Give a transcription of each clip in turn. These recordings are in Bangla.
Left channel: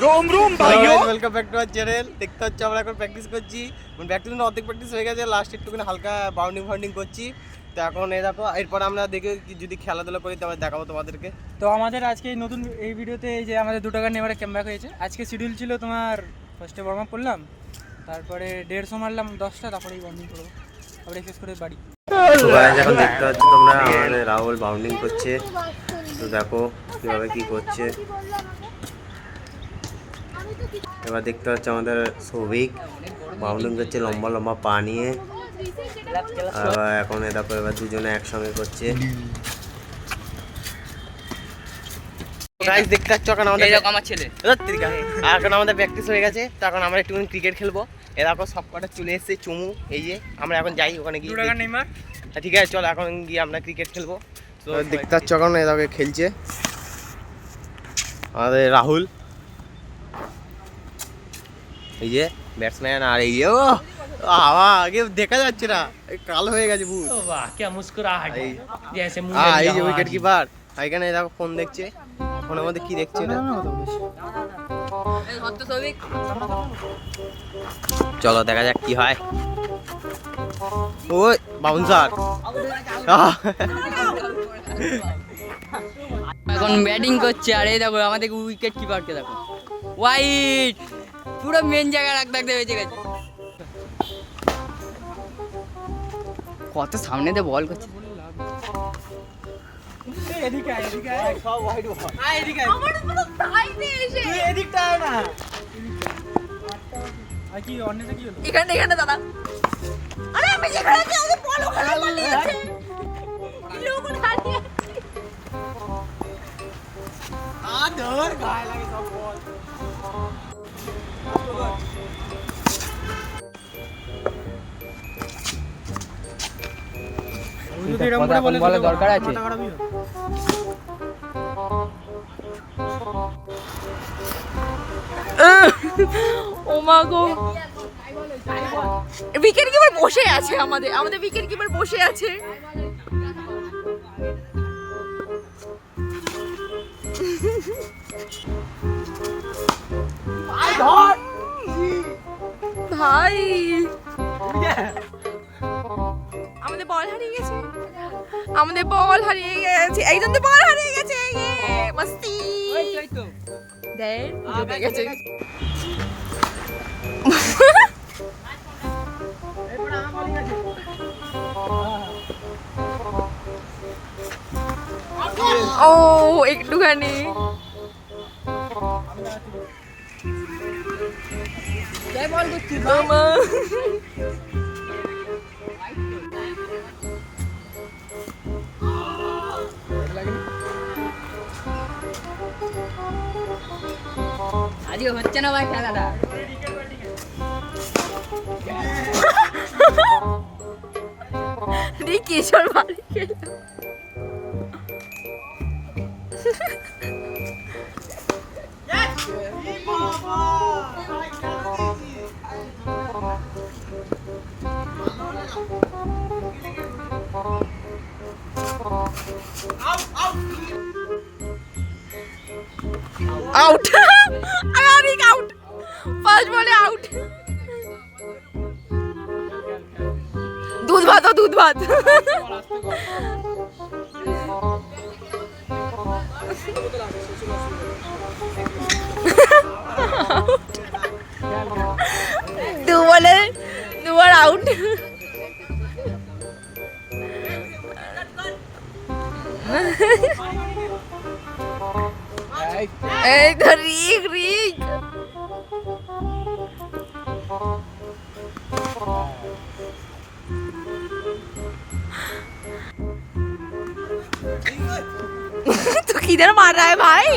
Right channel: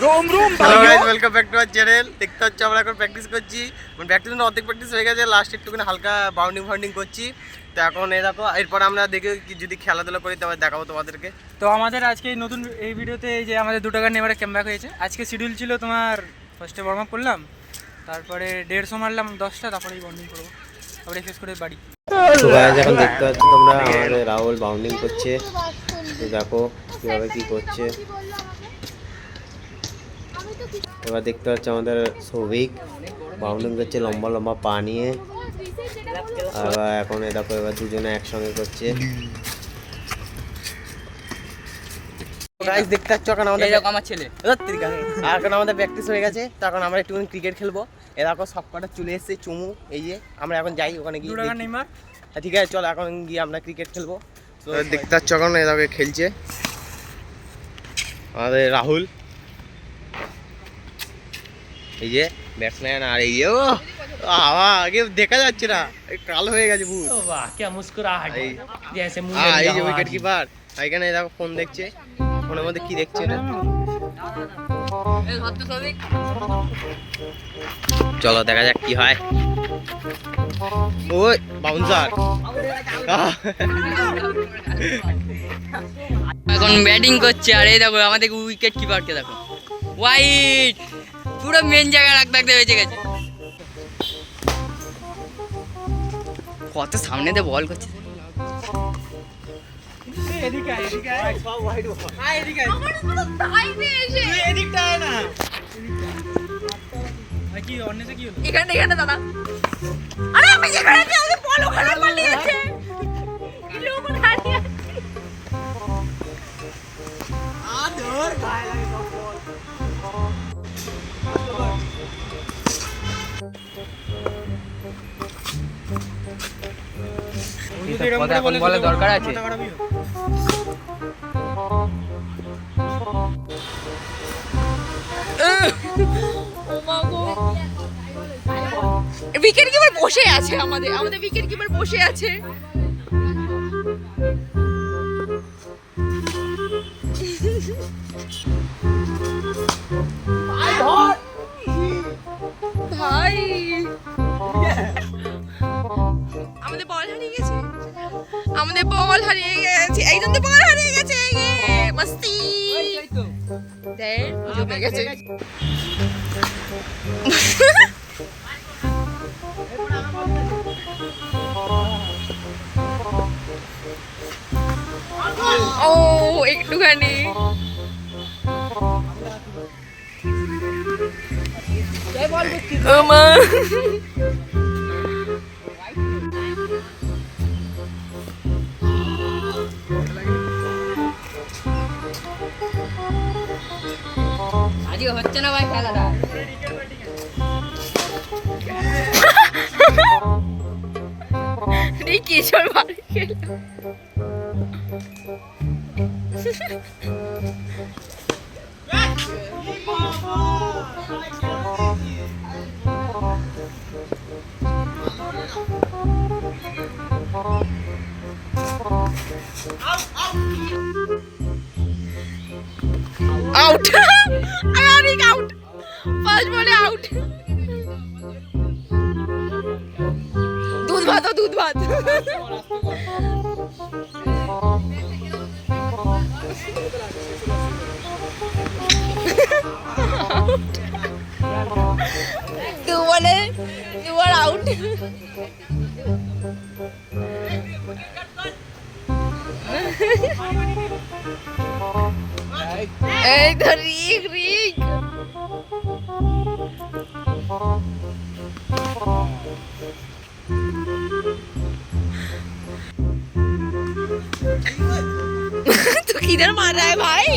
रोम रोम भाइयों welcome back to our channel. দেখতে হচ্ছে আমরা এখন প্র্যাকটিস করছি, মানে প্র্যাকটিস না অর্ধেক প্র্যাকটিস হয়ে গেছে, লাস্ট একটুখানি হালকা বাউন্ডিং করছি। তো এখন এই দেখো, এরপর আমরা দেখি যদি খেলাধুলা করি তবে দেখাবো তোমাদেরকে। তো আমাদের আজকে নতুন এই ভিডিওতে এই যে আমাদের 2 টাকা নেভারে ক্যাম্পব্যাক হয়েছে। আজকে শিডিউল ছিল তোমার ফার্স্টে ওয়ার্ম আপ করলাম, তারপরে 150 মারলাম 10টা, তারপরেই বাউন্ডিং করবো, তারপরে এক্সারসাইজ করে বাড়ি। তো গাইস এখন দেখতে পাচ্ছ তোমরা আমাদের রাহুল বাউন্ডিং করছে। তো দেখো কিভাবে কি করছে। এবার দেখতে পাচ্ছ আমাদের সৌভিক বাউন্ডিং করছে লম্বা লম্বা পা নিয়ে। আর এখন দেখো এবার দুজনে একসঙ্গে করছে। গাইস দেখতে পাচ্ছ এখন আমাদের আমার ছেলে এখন আমাদের প্র্যাকটিস হয়ে গেছে। তো এখন আমরা একটুখানি ক্রিকেট খেলবো। এ দেখো সব কটা চলে এসেছে চুমু, এই যে আমরা এখন যাই ওখানে গিয়ে। 2 টাকা নেইমার, ঠিক আছে চলো এখন গিয়ে আমরা ক্রিকেট খেলবো। তো দেখতে পাচ্ছ এখন এটাকে খেলছে আমাদের রাহুল, এই যে ব্যাটসম্যান। আর এই যে ও আগে দেখা যাচ্ছে না, কালো হয়ে গেছে ভূত। वाह क्या मुस्कुराहट है जैसे मुंह হ্যাঁ में এই যে लिया हुआ উইকেট है। কিপার এখানে দেখো ফোন দেখছে, ফোনের মধ্যে কি দেখছে এটা। চলো দেখা যাক কি হয়। ওই বাউন্সার এখন ব্যাটিং করছে। আর এই দেখো আমাদের উইকেট কিপারকে দেখো, হোয়াইট পুরো মেন জায়গায় রাখতে রাখতে বেঁচে গেছে। কত সামনে দিয়ে বল করছে। এদিকে এদিকে সব হোয়াইট বল। এদিকে এদিকটা আয় না, কি অন্যতে কি হলো? এখানে এখানে দাদা, আরে আমি যেখানে আছি আমি বল ওখানে পালিয়েছে, এই লোক ওখানে ধর গায়ে লাগে সব বল। এখন বলে দরকার আছে। ও মা গো, উইকেট কিপার বসে আছে, আমাদের উইকেট কিপার বসে আছে। ভাই আমাদের বল হারিয়ে গেছে, এই তো বল হারিয়ে গেছে। মস্তি দেখ জমে গেছে। ও একটুখানি আজকে হচ্ছে না ভাই খেলাটা। কিশোর বাড়ি খেলা আউট, আরে আউট, ফার্স্ট বলে আউট। দুধ ভাত দুবার আউট। এই তো রিক तो किधर मार रहा है भाई?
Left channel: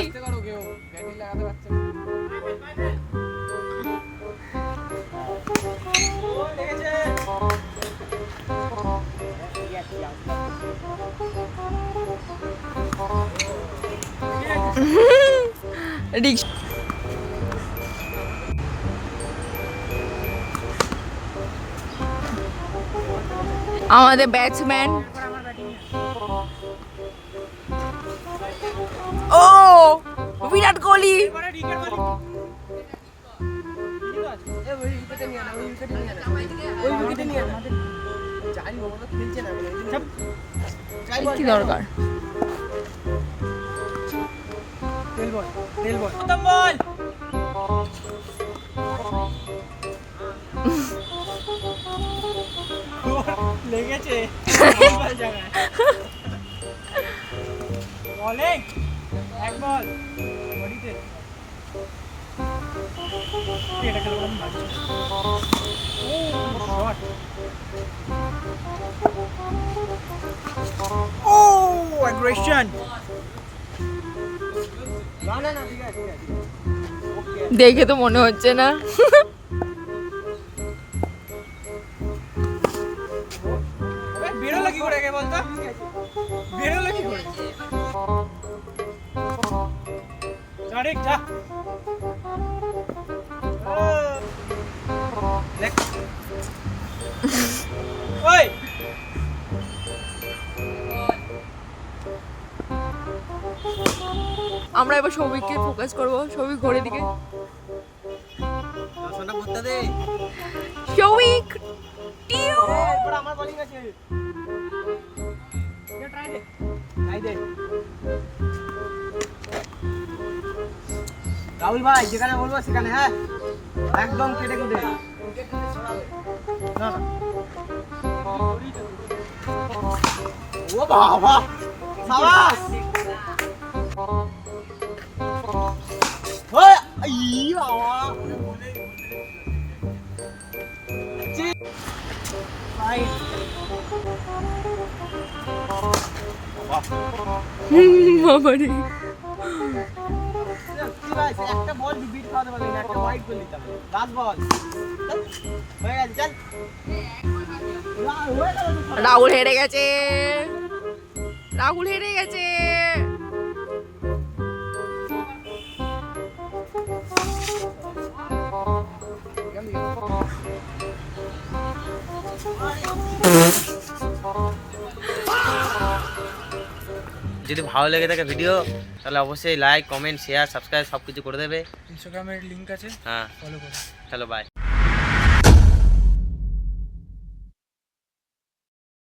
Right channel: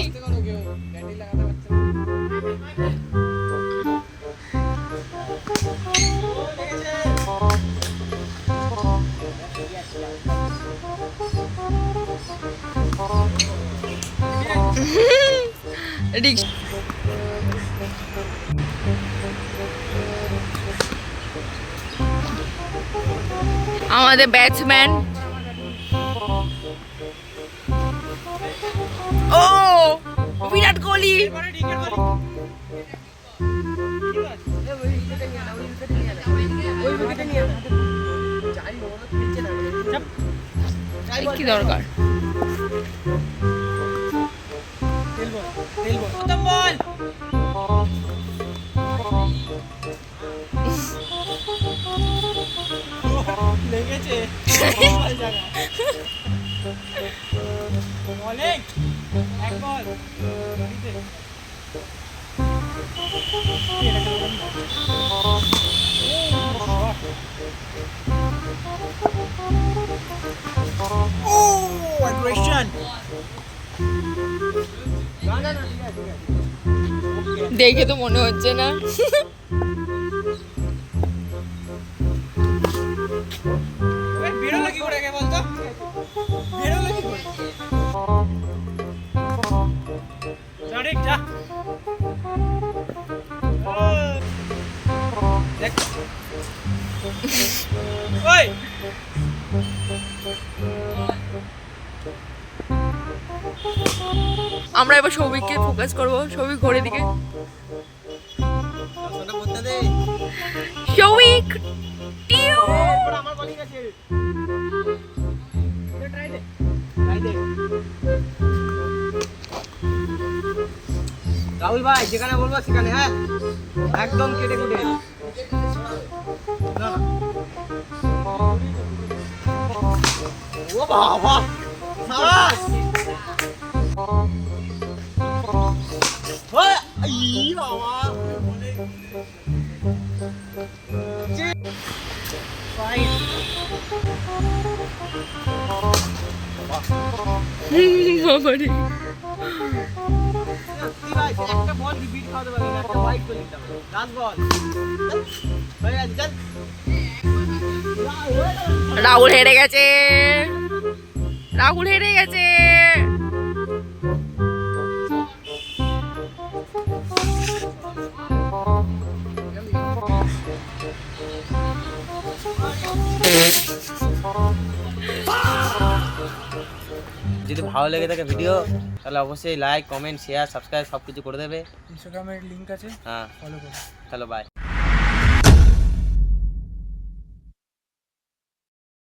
আমাদের ব্যাটসম্যান ও বিরাট কোহলি কি দরকার? তেল বল তেল বল লেগেছে বলে এক বল বড়িতে এটা খেলো ও অ্যাগ্রেশন না না না ঠিক আছে দেখে তো মনে হচ্ছে না। বেরোলো কি করে গে বলতো বেরোলো কি করে জানিক যা দেখ ওই আমরা এবার সৌভিককে ফোকাস করবো। সৌভিক ঘড়ির দিকে। সোনা বুঝতে দে সৌভিক টিউ। আমার বলিং আছে ট্রাই দে রাহুল ভাই যেখানে বলবো সেখানে হ্যাঁ একদম কেটে কেটে না ও বাবা সাবাস ওই ই বাবা ফাইন বাবারে একটা বল বিট খাওয়াতে পারবি না একটা ফাইট করে নিতাম লাস্ট বল হয়ে গেছে চল রাহুল হেরে গেছে। রাহুল হেরে গেছে। যদি ভালো লেগে থাকে ভিডিও তাহলে অবশ্যই লাইক কমেন্ট শেয়ার সাবস্ক্রাইব সব কিছু করে দেবে ইনস্টাগ্রামের লিংক আছে হ্যাঁ ফলো করো চলো বাই